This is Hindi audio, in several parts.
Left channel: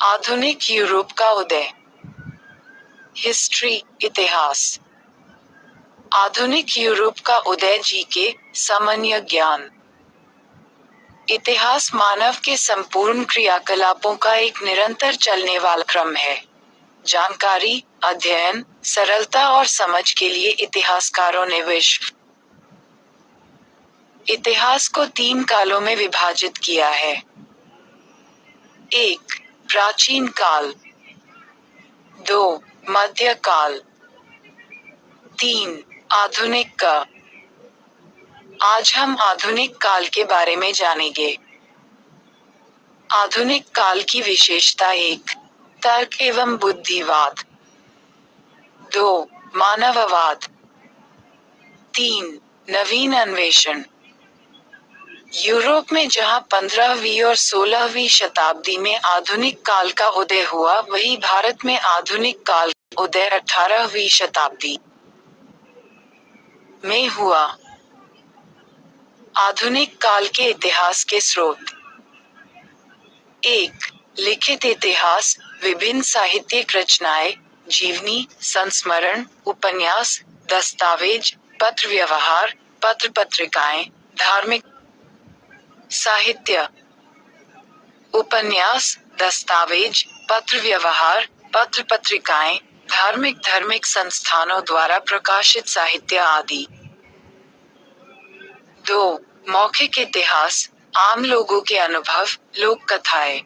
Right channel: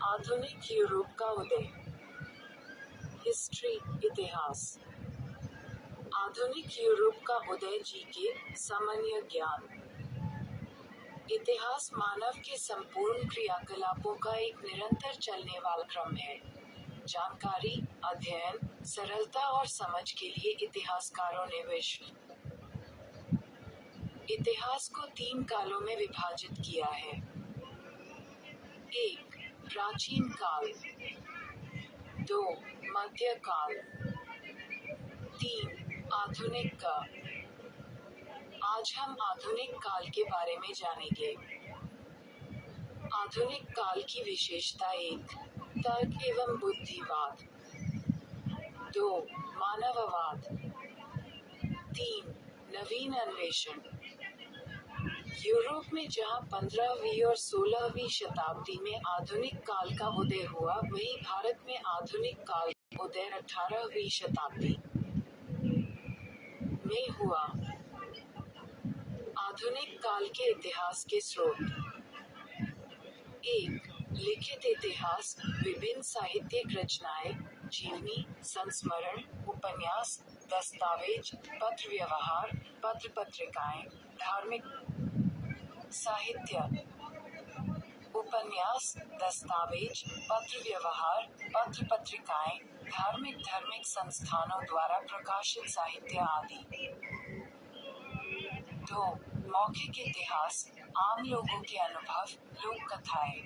आधुनिक यूरोप का उदय। हिस्ट्री, इतिहास। आधुनिक यूरोप का उदय जीके, सामान्य ज्ञान। इतिहास मानव के संपूर्ण क्रियाकलापों का एक निरंतर चलने वाला क्रम है। जानकारी, अध्ययन, सरलता और समझ के लिए इतिहासकारों ने विश्व इतिहास को 3 कालों में विभाजित किया है। 1. प्राचीन काल। 2. मध्य काल। 3. आधुनिक का। आज हम आधुनिक काल के बारे में जानेंगे। आधुनिक काल की विशेषता 1. तर्क एवं बुद्धिवाद। 2. मानववाद। 3. नवीन अन्वेषण। यूरोप में जहां 15वीं और 16वीं शताब्दी में आधुनिक काल का उदय हुआ, वहीं भारत में आधुनिक काल का उदय 18वीं शताब्दी में हुआ। आधुनिक काल के इतिहास के स्रोत। 1. लिखित इतिहास, विभिन्न साहित्यिक रचनाएं, जीवनी, संस्मरण, उपन्यास, दस्तावेज, पत्र व्यवहार, पत्र पत्रिकाएं, धार्मिक साहित्य। उपन्यास, दस्तावेज, पत्र व्यवहार, पत्र पत्रिकाएं, धार्मिक संस्थानों द्वारा प्रकाशित साहित्य आदि। 2. मौखिक इतिहास, आम लोगों के अनुभव, लोक कथाएं,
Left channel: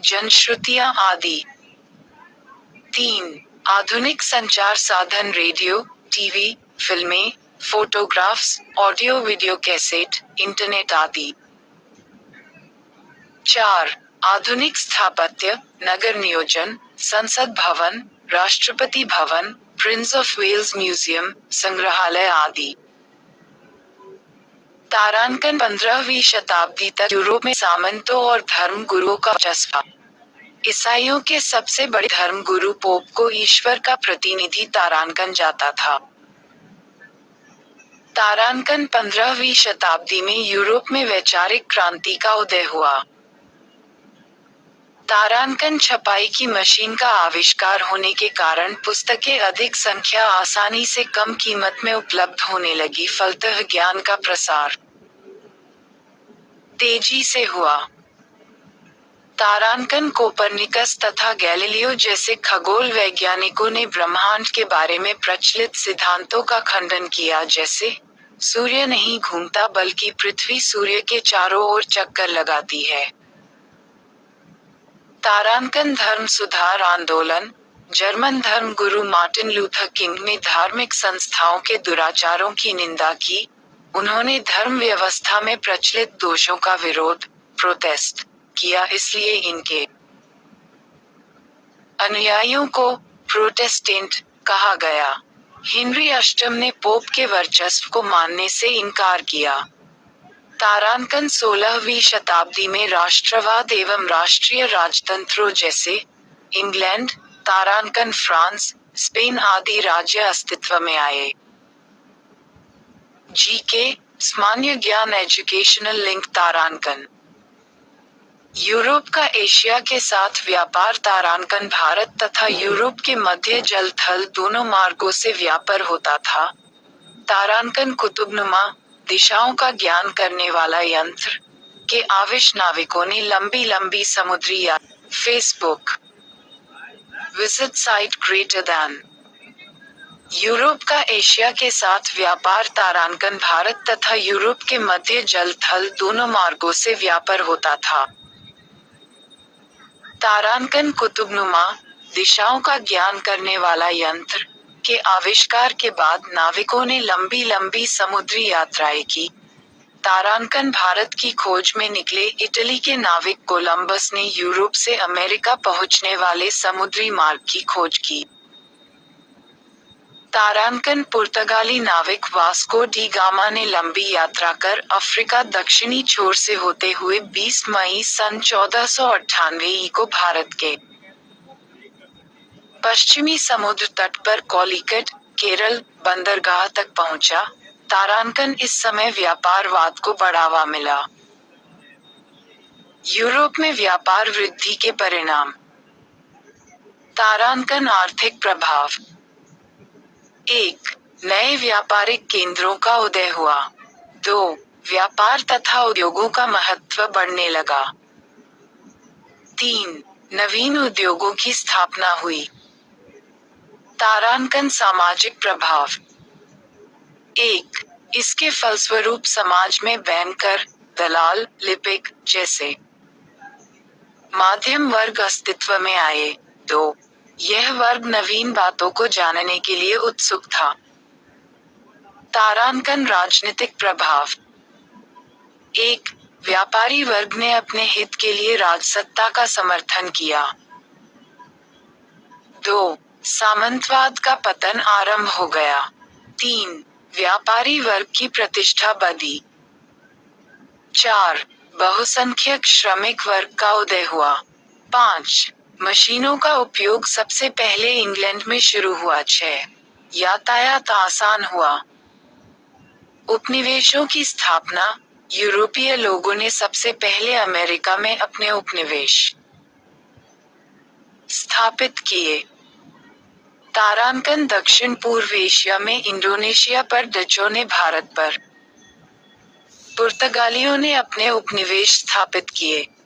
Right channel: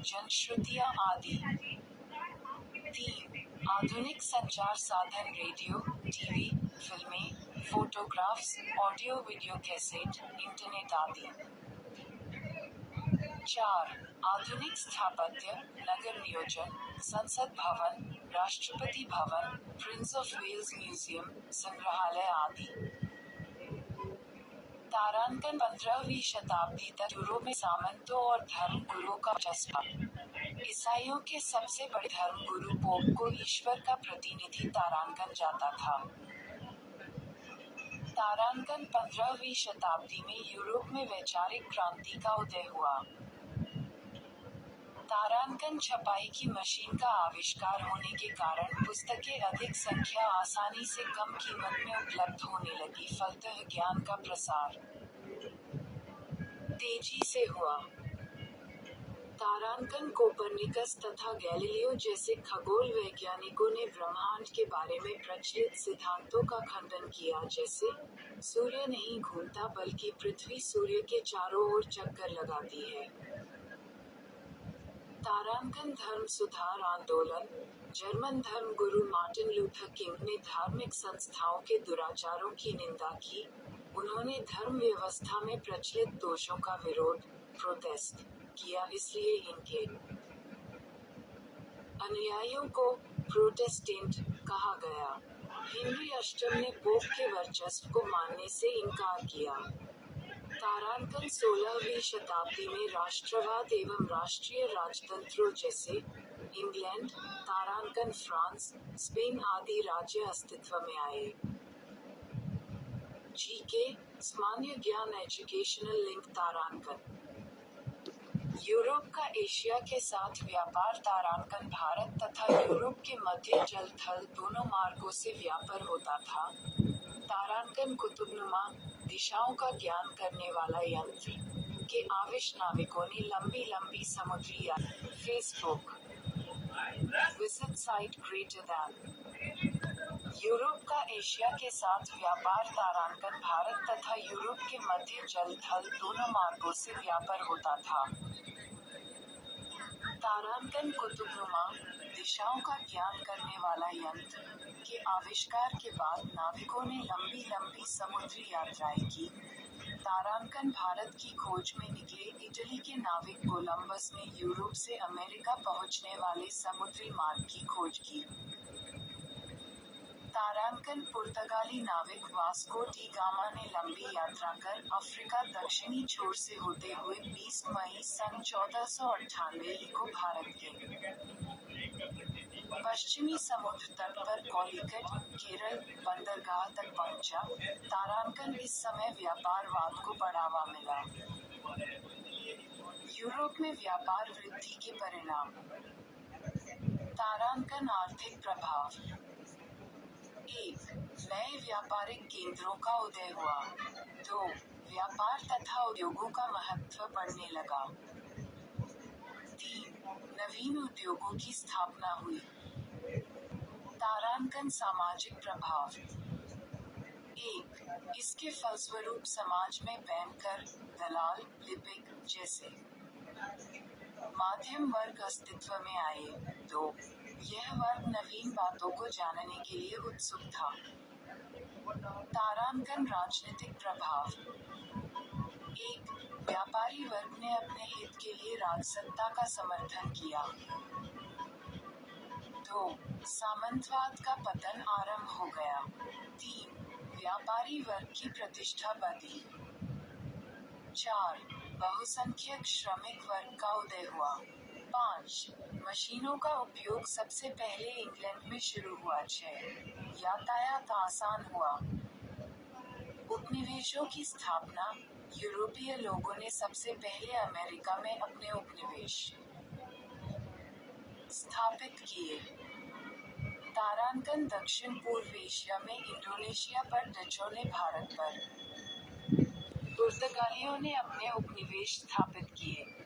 जनश्रुतियां आदि। 3. आधुनिक संचार साधन, रेडियो, टीवी, फिल्में, photographs, audio video cassette, internet आदि। 4. आधुनिक स्थापत्य, नगर नियोजन, संसद भवन, Rashtrapati Bhavan, Prince of Wales museum, संग्रहालय आदि। तारांकन 15वीं शताब्दी तक यूरोप में सामंतों और धर्म गुरुओं का वर्चस्व। ईसाइयों के सबसे बड़े धर्म गुरु पोप को ईश्वर का प्रतिनिधि तारांकन जाता था। तारांकन 15वीं शताब्दी में यूरोप में वैचारिक क्रांति का उदय हुआ। तारांकन छपाई की मशीन का आविष्कार होने के कारण पुस्तकें अधिक संख्या आसानी से कम कीमत में उपलब्ध होने लगी, फलतः ज्ञान का प्रसार तेजी से हुआ। तारांकन कोपरनिकस तथा गैलीलियो जैसे खगोल वैज्ञानिकों ने ब्रह्मांड के बारे में प्रचलित सिद्धांतों का खंडन किया, जैसे सूर्य नहीं घूमता बल्कि पृथ्वी सूर्य के चारों ओर चक्कर लगाती है। तारांकन धर्म सुधार आंदोलन। जर्मन धर्म गुरु मार्टिन लूथर किंग ने धार्मिक संस्थाओं के दुराचारों की निंदा की। उन्होंने धर्म व्यवस्था में प्रचलित दोषों का विरोध, प्रोटेस्ट किया, इसलिए इनके अनुयायियों को प्रोटेस्टेंट कहा गया। हेनरी अष्टम ने पोप के वर्चस्व को मानने से इनकार किया। तारांकन 16वीं शताब्दी में राष्ट्रवाद एवं राष्ट्रीय राजतंत्रों जैसे इंग्लैंड, तारांकन फ्रांस, स्पेन आदि राज्य अस्तित्व में आए। जीके, सामान्य ज्ञान एजुकेशनल लिंक। तारांकन यूरोप का एशिया के साथ व्यापार। तारांकन भारत तथा यूरोप के मध्य जल थल दोनों मार्गों से व्यापार होता था। तारांकन कुतुबनुमा दिशाओं का ज्ञान करने वाला यंत्र के आविष्ट नाविकों ने लंबी लंबी समुद्री यात्रा। Facebook visit site greater than. Europe का एशिया के साथ व्यापार। तारांकन भारत तथा यूरोप के मध्य जल थल दोनों मार्गों से व्यापार होता था। तारांकन कुतुबनुमा दिशाओं का ज्ञान करने वाला यंत्र के आविष्कार के बाद नाविकों ने लंबी लंबी समुद्री यात्राएं की। तारांकन भारत की खोज में निकले इटली के नाविक कोलंबस ने यूरोप से अमेरिका पहुंचने वाले समुद्री मार्ग की खोज की। तारांकन पुर्तगाली नाविक वास्को डी गामा ने लंबी यात्रा कर अफ्रीका दक्षिणी छोर से होते हुए 20 मई सन 1498 को भारत के पश्चिमी समुद्र तट पर कॉलीकट, केरल, बंदरगाह तक पहुंचा। तारांकन इस समय व्यापारवाद को बढ़ावा मिला। यूरोप में व्यापार वृद्धि के परिणाम। तारांकन आर्थिक प्रभाव। 1. नए व्यापारिक केंद्रों का उदय हुआ। 2. व्यापार तथा उद्योगों का महत्व बढ़ने लगा। 3. नवीन उद्योगों की स्थापना हुई। तारांकन सामाजिक प्रभाव। 1. इसके फलस्वरूप समाज में बैंकर, दलाल, लिपिक जैसे मध्यम वर्ग अस्तित्व में आए। 2. यह वर्ग नवीन बातों को जानने के लिए उत्सुक था। तारांकन राजनीतिक प्रभाव। 1. व्यापारी वर्ग ने अपने हित के लिए राजसत्ता का समर्थन किया। 2. सामंतवाद का पतन आरंभ हो गया। 3. व्यापारी वर्ग की प्रतिष्ठा बढ़ी। 4. बहुसंख्यक श्रमिक वर्ग का उदय हुआ। 5. मशीनों का उपयोग सबसे पहले इंग्लैंड में शुरू हुआ। 6. यातायात आसान हुआ। उपनिवेशों की स्थापना। यूरोपीय लोगों ने सबसे पहले अमेरिका में अपने उपनिवेश स्थापित किए। तारांकन दक्षिण पूर्व एशिया में इंडोनेशिया पर डचों ने भारत पर पुर्तगालियों ने अपने उपनिवेश स्थापित किए।